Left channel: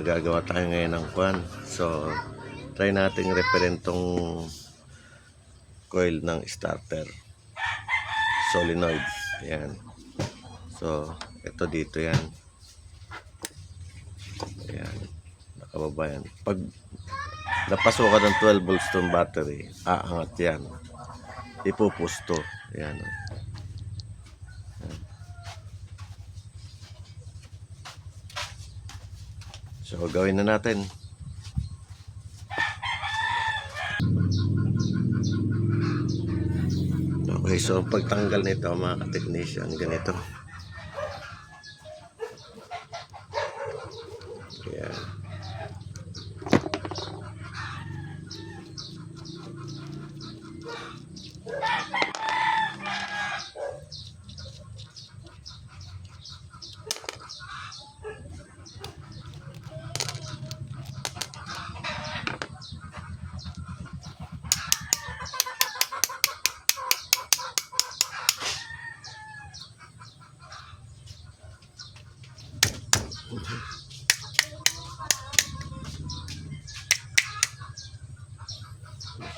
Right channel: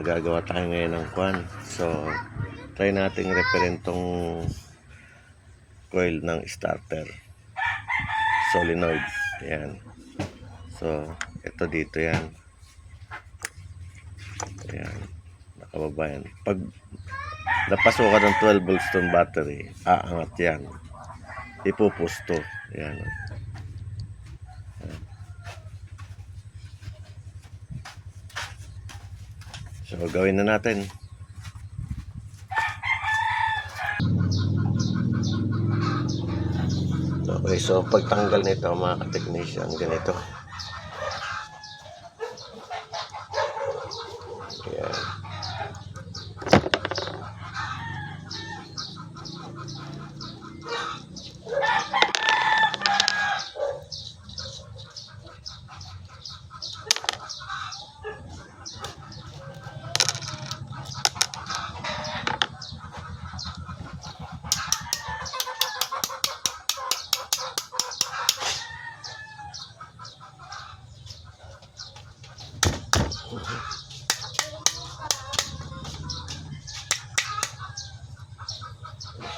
Gagawa tayo ngayon ng kwan. So try nating referent tong coil ng starter solenoid. Yan. So ito dito yan. Ayan, nakababa yan. Pag napasukan ng 12 volts tong battery, aangat yan. Ipupusto. Ayan. So gawin na natin. Okay, so pagtanggal nito mga ka-technician, ganito. Ayan.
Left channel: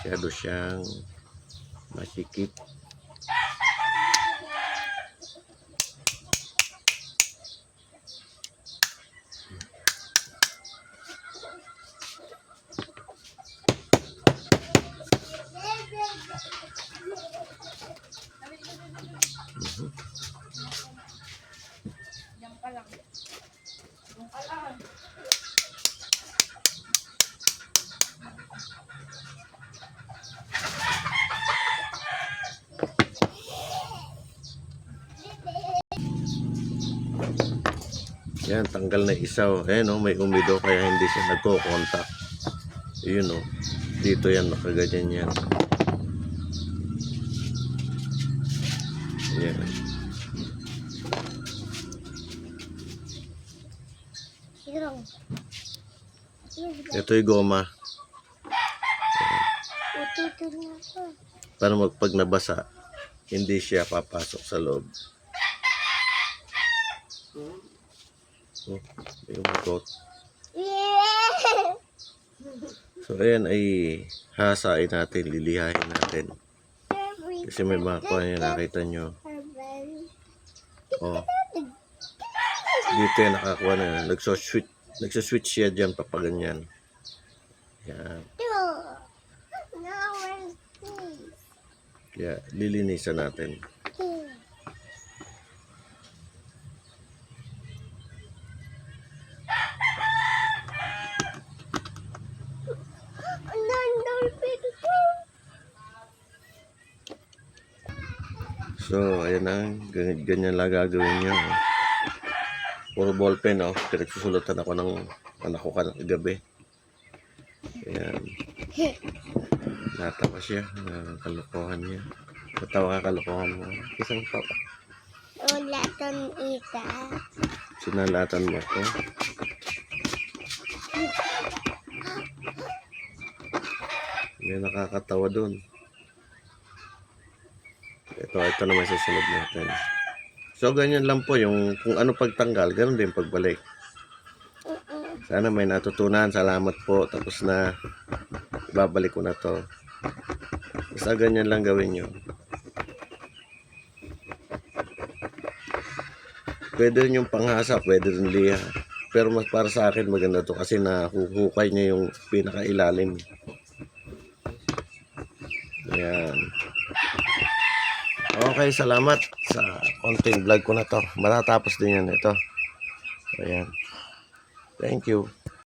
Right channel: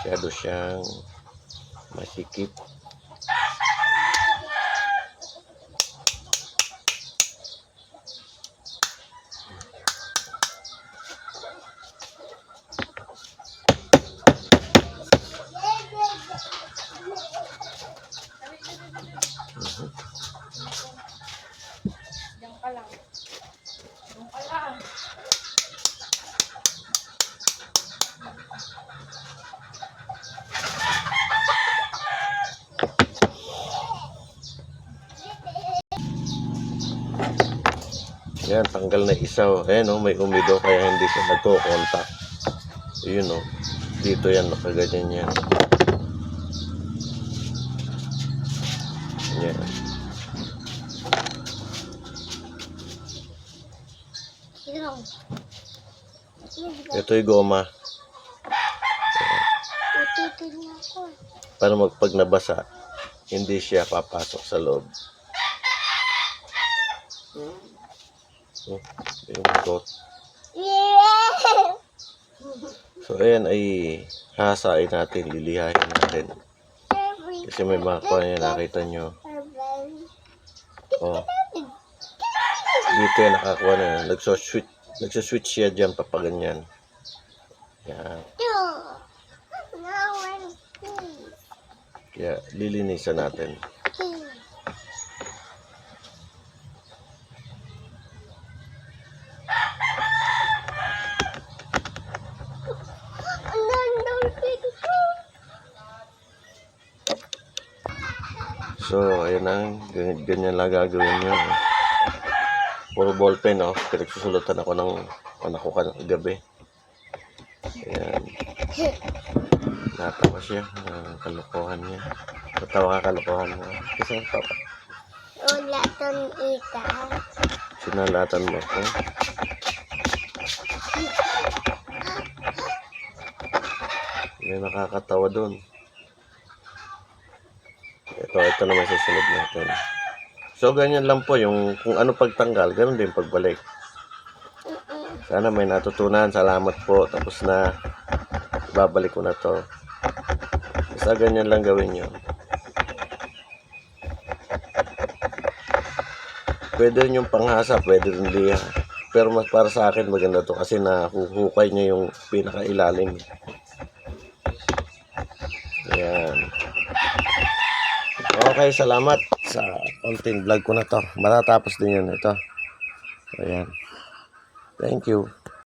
Masyado siyang masikip. Diyan ka lang. Diyan ka lang. Yan, tanggal na isaw. Ayan o, may umido kaya hindi siya nagko-contact. Yun o. Dito yan, nakaganyan yan. Yan. Ito yung goma. Para pag nabasa, hindi siya papasok sa loob. Oh, yung magot. So ayan ay hasain natin, lilihain natin. Kasi may mga kuha niya, nakita nyo. Oh. Dito yan nakakuha na. Nagsaswitch siya dyan papaganyan. Yan. Kaya lilinisan natin. So, ayan na. Ganyan lang gagawin nyo. Puro ballpen, oh. Pinagsusulatan ako ng anak ko kagabi. Ayan. Natawa siya. Kalokohan niya. Natawa ka, kalokohan mo. Kasi ang tawa. Ulatan ika. Sinalatan mo ako. May nakakatawa doon. Ito naman susunod natin. So, ganyan lang po yung kung ano pagtanggal, ganun din pagbalik. Sana may natutunan. Salamat po. Tapos na. Babalik ko na to. Basta ganyan lang gawin nyo. Pwede rin yung panghasa, pwede rin liha. Pero mas para sa akin maganda to kasi nahuhukay niya yung pinakailalim. Ayan. Okay, salamat sa konting vlog ko na to. Matatapos din yan ito. Ayan. Thank you.